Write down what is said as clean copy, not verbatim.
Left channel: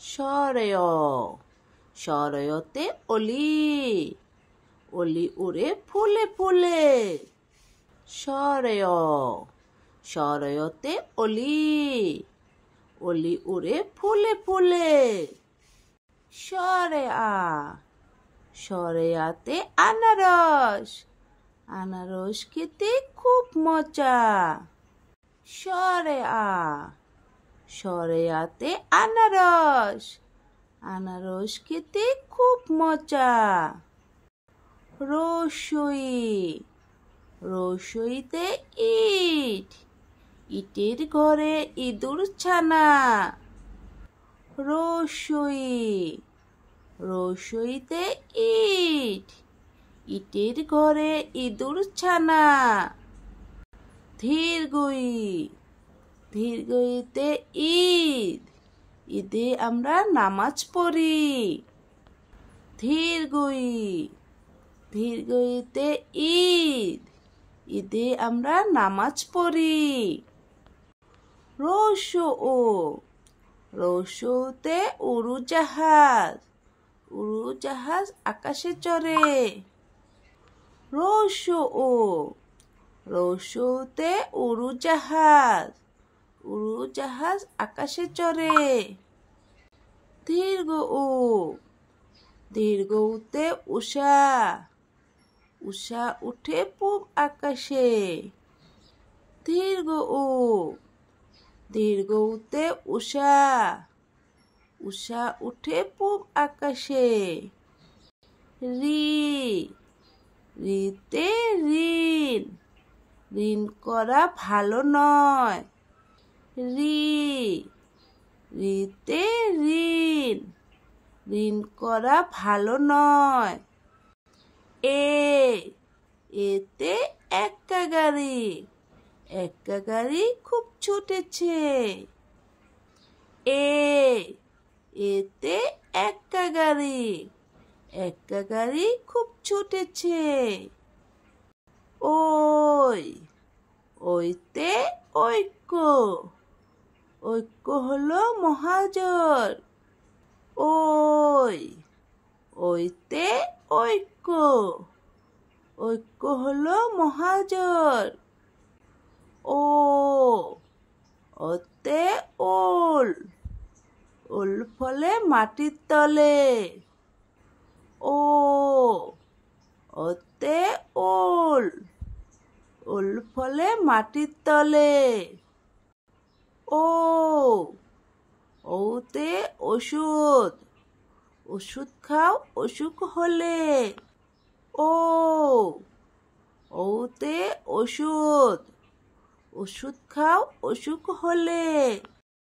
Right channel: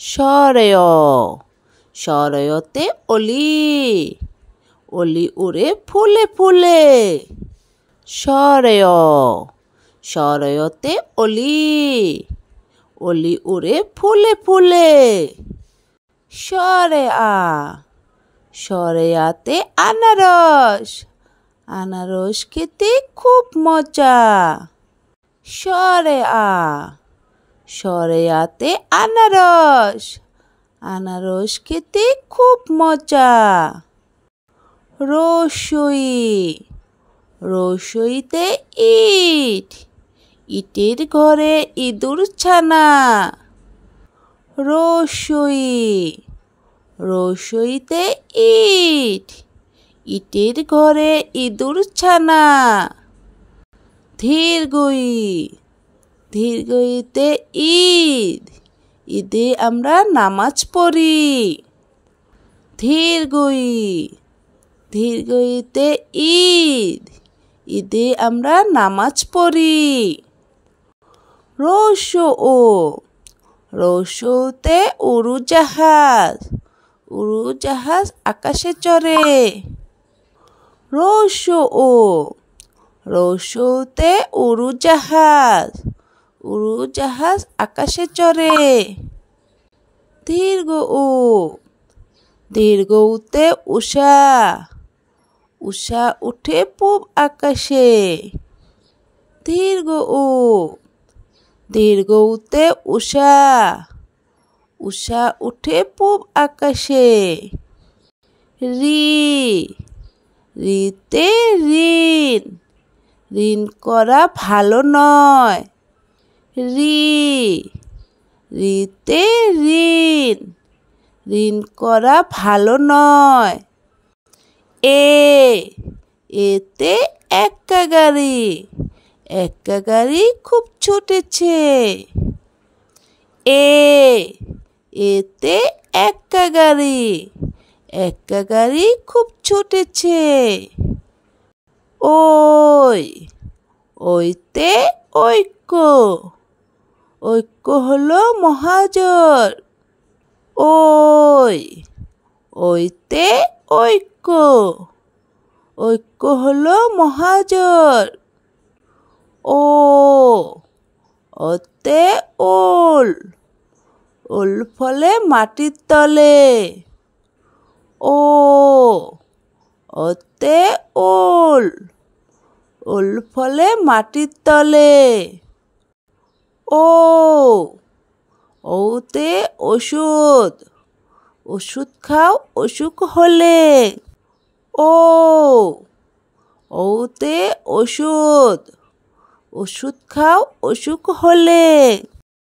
সরেয় সরয়তে অলি অলি উড়ে ফুলে ফুলে সরেয় সরয়তে অলি অলি উড়ে ফুলে ফুলে সরে আ সরেয়াতে আনারস আনারস খেতে খুব মজা সরে আ সরেয়াতে আনারস আনারস খেতে খুব মজা রসই রসইতে ইট ইটের ঘরে ইঁদুর ছানা রসই রসইতে ইট ইটের ঘরে ইঁদুর ছানা ধীরগই ধীরগইতে ঈদ ঈদে আমরা নামাজ পড়ি ধীরগই ধীরগইতে ঈদ ঈদে আমরা নামাজ পড়ি রসও রসওতে উড়োজাহাজ উড়োজাহাজ আকাশে চড়ে রসও রসওতে উড়োজাহাজ উড়োজাহাজ আকাশে চড়ে দীর্ঘ ও দীর্ঘতে উষা উষা উঠে পূব আকাশে দীর্ঘ ও দীর্ঘতে উষা উষা উঠে পূব আকাশে রি রিতে ঋণ ঋণ করা ভালো নয় রি রিতে ঋণ ঋণ করা ভালো নয় এতে এক্কা গাড়ি এক্কা গাড়ি খুব ছুটেছে এতে এক্কা গাড়ি খুব ছুটেছে ওইতে ঐক্য ঐক্য হলো মহাজোর ওইতে ঐক্য ঐক্য হলো মহাজোর ওতে ওল ওল ফলে মাটির তলে ওতে ওল ওল ফলে মাটির তলে ওতে ওষুধ ওষুধ খাও অসুখ হলে ওতে ওষুধ ওষুধ খাও অসুখ হলে